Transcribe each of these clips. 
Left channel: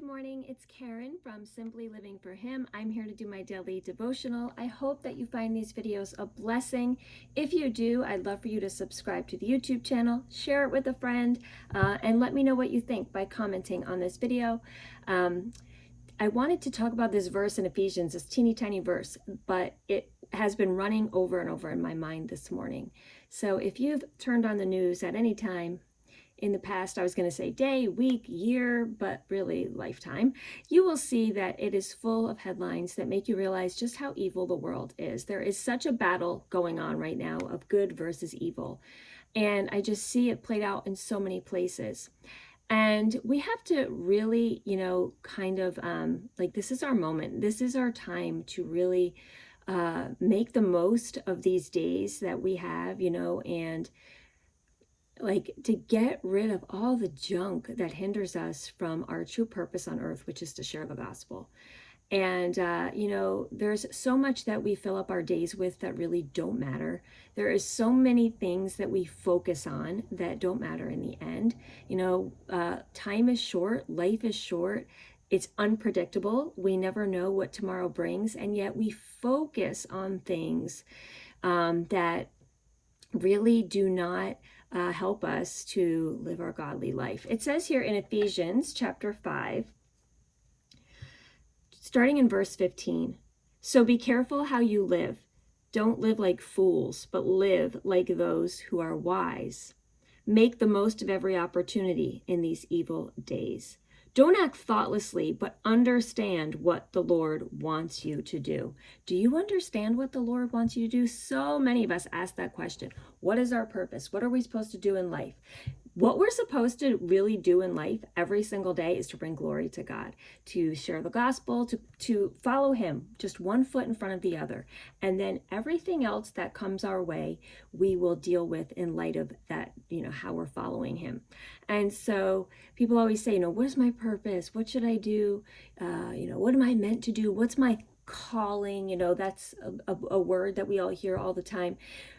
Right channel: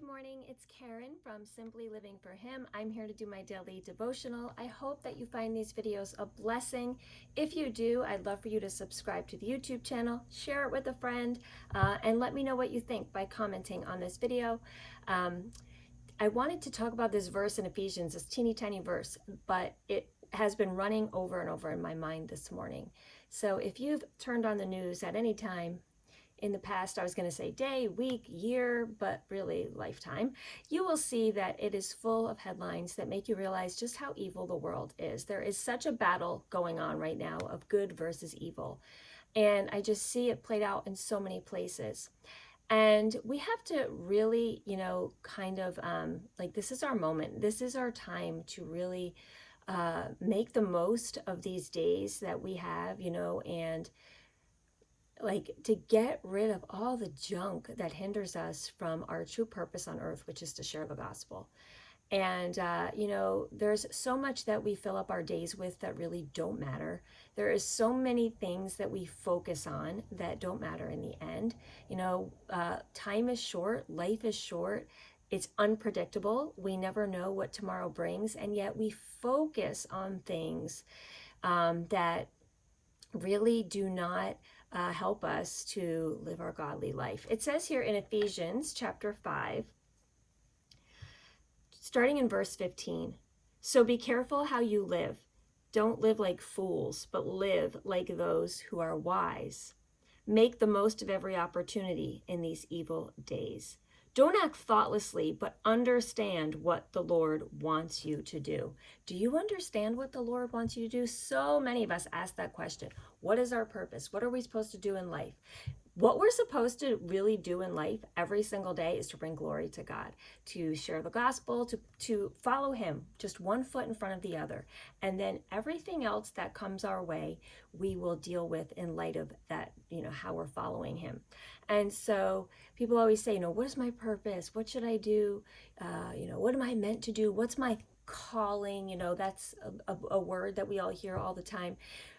Good morning, it's Karen from Simply Living for Him. I'm here to do my daily devotional. I hope that you find these videos a blessing. If you do, I'd love for you to subscribe to the YouTube channel, share it with a friend, and let me know what you think by commenting on this video. I wanted to talk about this verse in Ephesians, this teeny tiny verse, but it has been running over and over in my mind this morning. So if you've turned on the news at any time, in the past, I was going to say day, week, year, but really lifetime, you will see that it is full of headlines that make you realize just how evil the world is. There is such a battle going on right now of good versus evil. And I just see it played out in so many places. And we have to really, this is our moment. This is our time to really make the most of these days that we have, and to get rid of all the junk that hinders us from our true purpose on earth, which is to share the gospel. And, there's so much that we fill up our days with that really don't matter. There is so many things that we focus on that don't matter in the end. Time is short, life is short. It's unpredictable. We never know what tomorrow brings. And yet we focus on things that really do not help us to live our godly life. It says here in Ephesians chapter 5, starting in verse 15, "So be careful how you live. Don't live like fools, but live like those who are wise. Make the most of every opportunity in these evil days. Don't act thoughtlessly, but understand what the Lord wants you to do." Do you understand what the Lord wants you to do? So many of us ask that question. What is our purpose? What are we supposed to do in life? What we're supposed to really do in life every single day is to bring glory to God, to share the gospel, to follow Him, just one foot in front of the other. And then everything else that comes our way, we will deal with in light of that, how we're following Him. And so people always say, what is my purpose? What should I do? What am I meant to do? What's my calling? That's a word that we all hear all the time.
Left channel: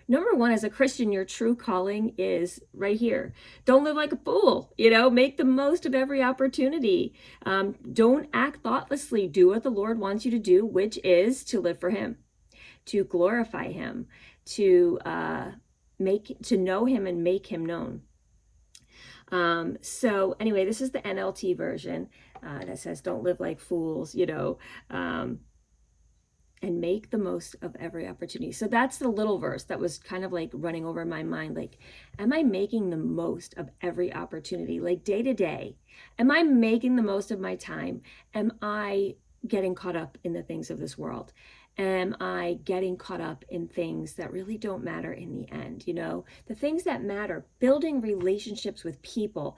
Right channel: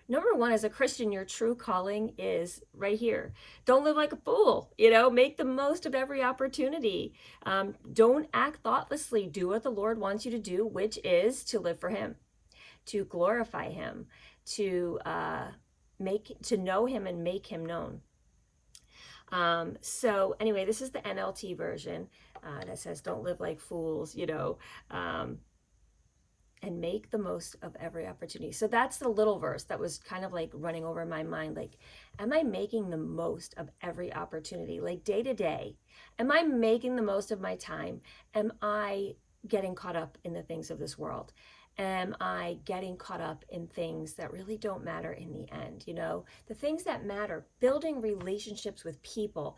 Number one, as a Christian, your true calling is right here. Don't live like a fool, make the most of every opportunity. Don't act thoughtlessly. Do what the Lord wants you to do, which is to live for Him, to glorify Him, to know Him and make Him known. So anyway, this is the NLT version that says, don't live like fools, and make the most of every opportunity. So that's the little verse that was kind of like running over my mind. Am I making the most of every opportunity? Day to day, am I making the most of my time? Am I getting caught up in the things of this world? Am I getting caught up in things that really don't matter in the end? The things that matter, building relationships with people,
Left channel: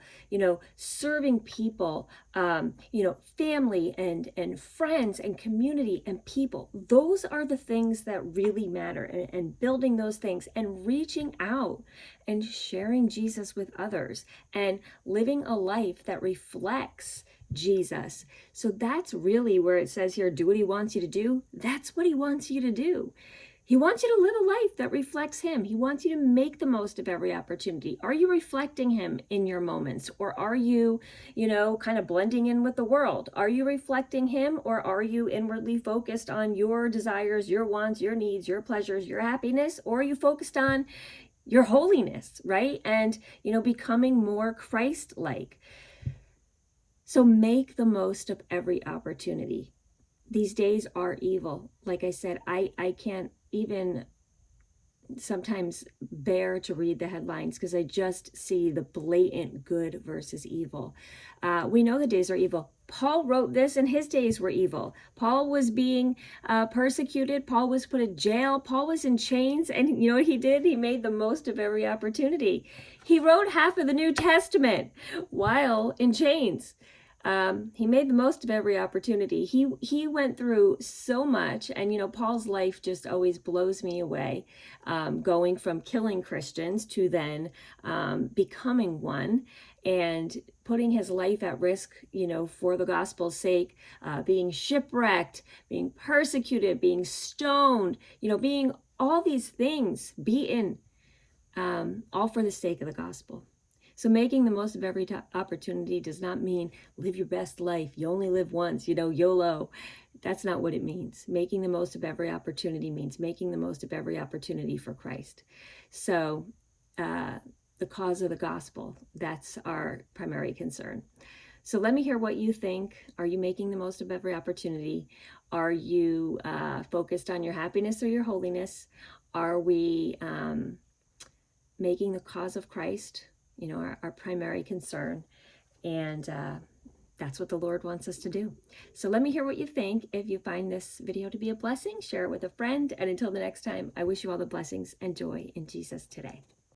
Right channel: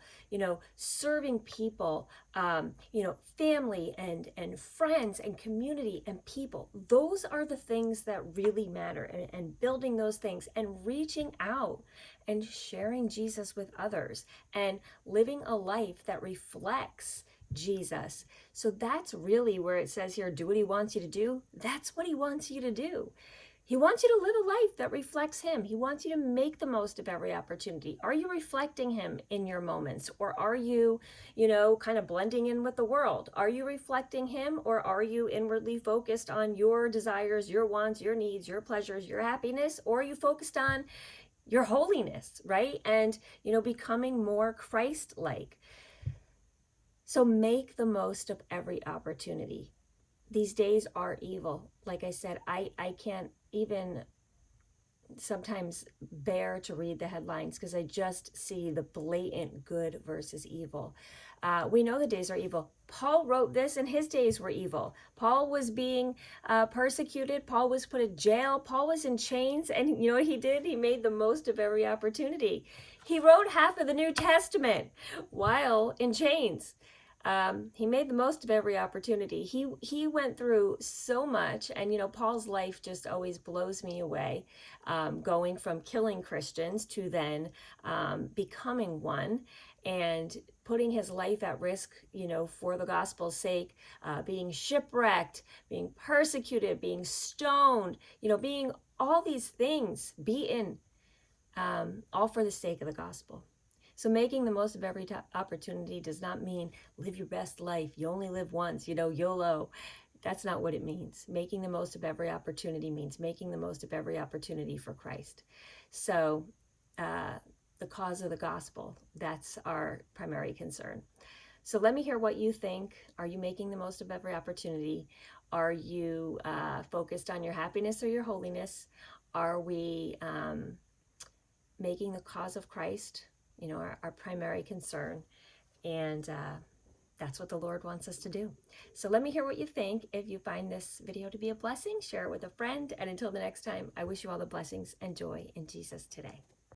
serving people, family and friends and community and people. Those are the things that really matter, and building those things and reaching out and sharing Jesus with others and living a life that reflects Jesus. So that's really where it says here, do what He wants you to do. That's what He wants you to do. He wants you to live a life that reflects Him. He wants you to make the most of every opportunity. Are you reflecting Him in your moments? Or are you, kind of blending in with the world? Are you reflecting Him, or are you inwardly focused on your desires, your wants, your needs, your pleasures, your happiness? Or are you focused on your holiness, right? And, becoming more Christ-like. So make the most of every opportunity. These days are evil. Like I said, I can't even sometimes bear to read the headlines because I just see the blatant good versus evil. We know the days are evil. Paul wrote this, and his days were evil. Paul was being persecuted. Paul was put in jail. Paul was in chains. And you know what he did? He made the most of every opportunity. He wrote half of the New Testament while in chains. He made the most of every opportunity. He went through so much, and Paul's life just always blows me away, going from killing Christians to then becoming one and putting his life at risk, for the gospel's sake, being shipwrecked, being persecuted, being stoned, being all these things, beaten, all for the sake of the gospel. So making the most of every opportunity does not mean live your best life. You only live once, YOLO. That's not what it means. Making the most of every opportunity means making the most of every opportunity for Christ. So the cause of the gospel, that's our primary concern. So let me hear what you think. Are you making the most of every opportunity? Are you focused on your happiness or your holiness? Are we making the cause of Christ, our primary concern? And that's what the Lord wants us to do. So let me hear what you think. If you find this video to be a blessing, share it with a friend. And until the next time, I wish you all the blessings and joy in Jesus today.